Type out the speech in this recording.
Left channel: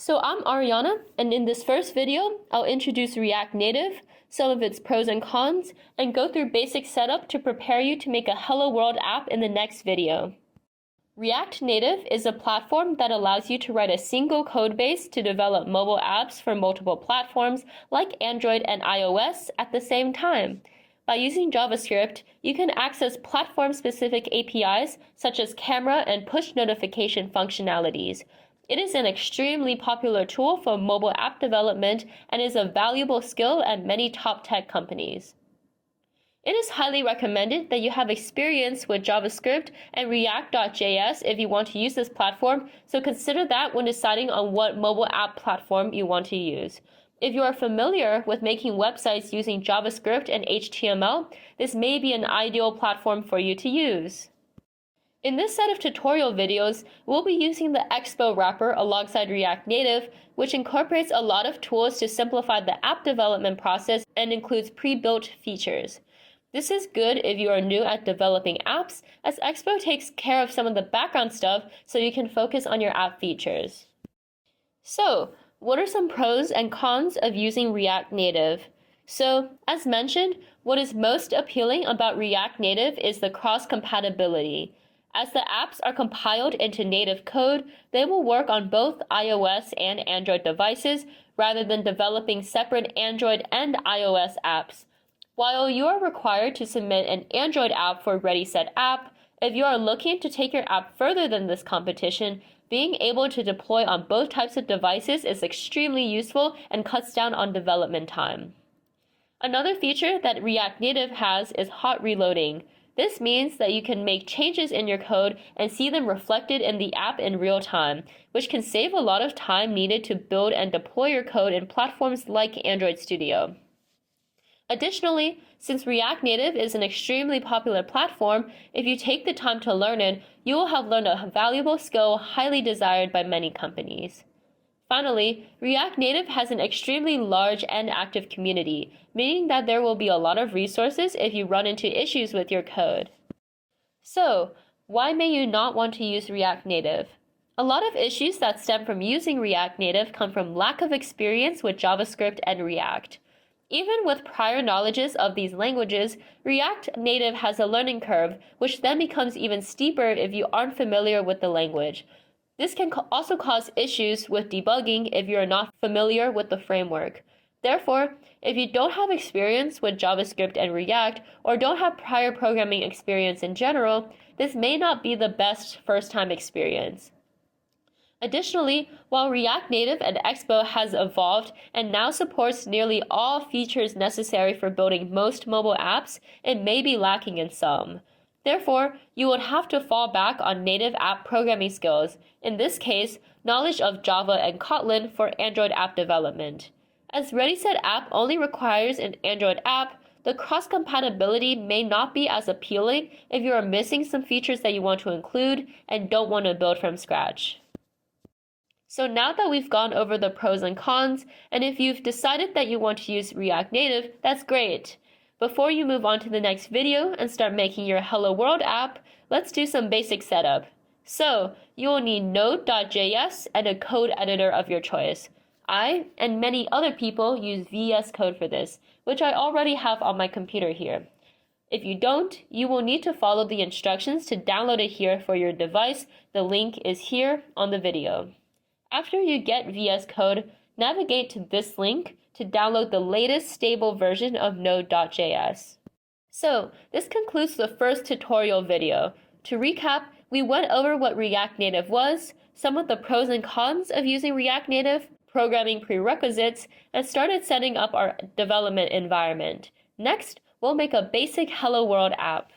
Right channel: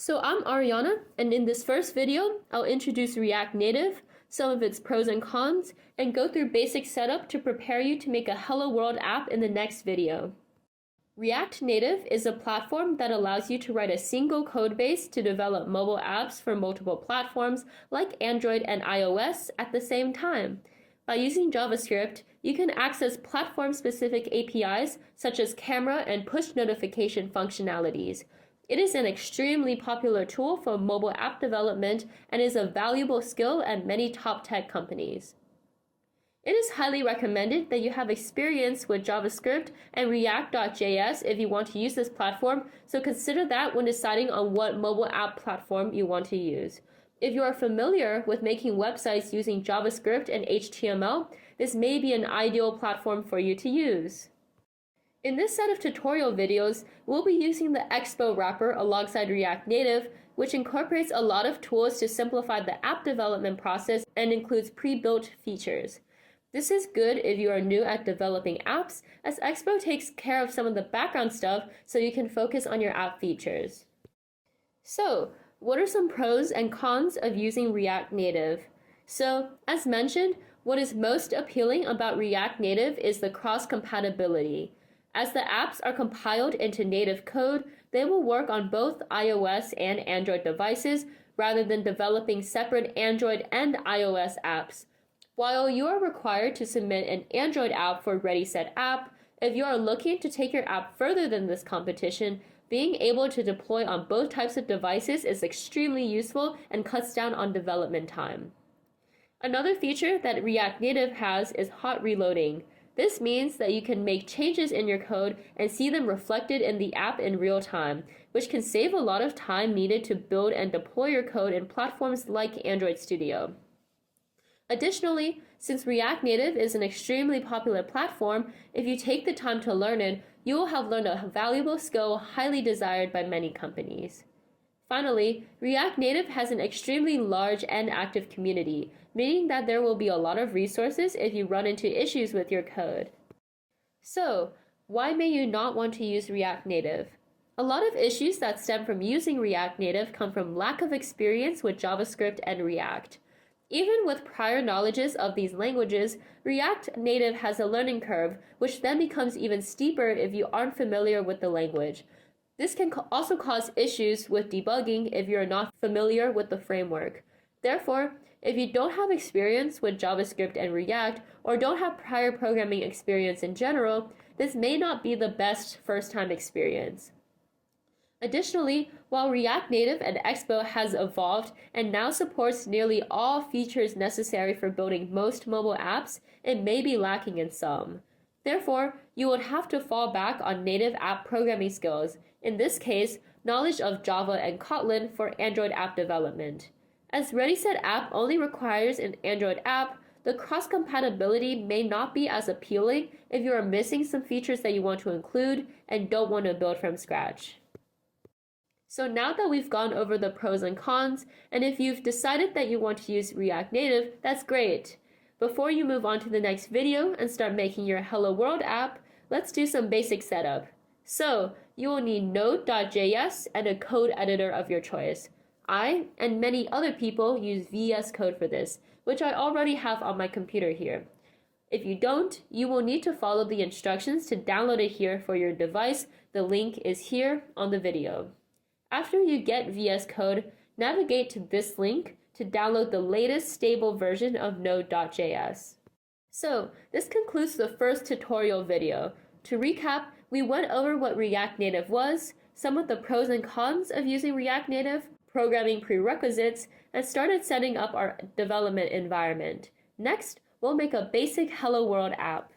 So I'm Ariana, and in this first video, I'll introduce React Native, some of its pros and cons, and go through basic setup to prepare you to make a Hello World app in the next video. React Native is a platform that allows you to write a single codebase to develop mobile apps for multiple platforms like Android and iOS at the same time. By using JavaScript, you can access platform-specific APIs such as camera and push notification functionalities. It is an extremely popular tool for mobile app development and is a valuable skill at many top tech companies. It is highly recommended that you have experience with JavaScript and React.js if you want to use this platform, so consider that when deciding on what mobile app platform you want to use. If you are familiar with making websites using JavaScript and HTML, this may be an ideal platform for you to use. In this set of tutorial videos, we'll be using the Expo wrapper alongside React Native, which incorporates a lot of tools to simplify the app development process and includes pre-built features. This is good if you are new at developing apps, as Expo takes care of some of the background stuff so you can focus on your app features. So, what are some pros and cons of using React Native? So, as mentioned, what is most appealing about React Native is the cross-compatibility. As the apps are compiled into native code, they will work on both iOS and Android devices rather than developing separate Android and iOS apps. While you are required to submit an Android app for Ready Set App, if you are looking to take your app further than this competition, being able to deploy on both types of devices is extremely useful and cuts down on development time. Another feature that React Native has is hot reloading. This means that you can make changes in your code and see them reflected in the app in real time, which can save a lot of time needed to build and deploy your code in platforms like Android Studio. Additionally, since React Native is an extremely popular platform, if you take the time to learn it, you will have learned a valuable skill highly desired by many companies. Finally, React Native has an extremely large and active community, meaning that there will be a lot of resources if you run into issues with your code. So, why may you not want to use React Native? A lot of issues that stem from using React Native come from lack of experience with JavaScript and React. Even with prior knowledges of these languages, React Native has a learning curve, which then becomes even steeper if you aren't familiar with the language. This can also cause issues with debugging if you are not familiar with the framework. Therefore, if you don't have experience with JavaScript and React, or don't have prior programming experience in general, this may not be the best first-time experience. Additionally, while React Native and Expo has evolved and now supports nearly all features necessary for building most mobile apps, it may be lacking in some. Therefore, you would have to fall back on native app programming skills, in this case, knowledge of Java and Kotlin for Android app development. As Ready Set App only requires an Android app, the cross-compatibility may not be as appealing if you are missing some features that you want to include and don't want to build from scratch. So now that we've gone over the pros and cons, and if you've decided that you want to use React Native, that's great. Before you move on to the next video and start making your Hello World app, let's do some basic setup. So, you will need Node.js and a code editor of your choice. I and many other people use VS Code for this, which I already have on my computer here. If you don't, you will need to follow the instructions to download it here for your device. The link is here on the video. After you get VS Code, navigate to this link to download the latest stable version of Node.js. So, this concludes the first tutorial video. To recap, we went over what React Native was, some of the pros and cons of using React Native, programming prerequisites, and started setting up our development environment. Next, we'll make a basic Hello World app.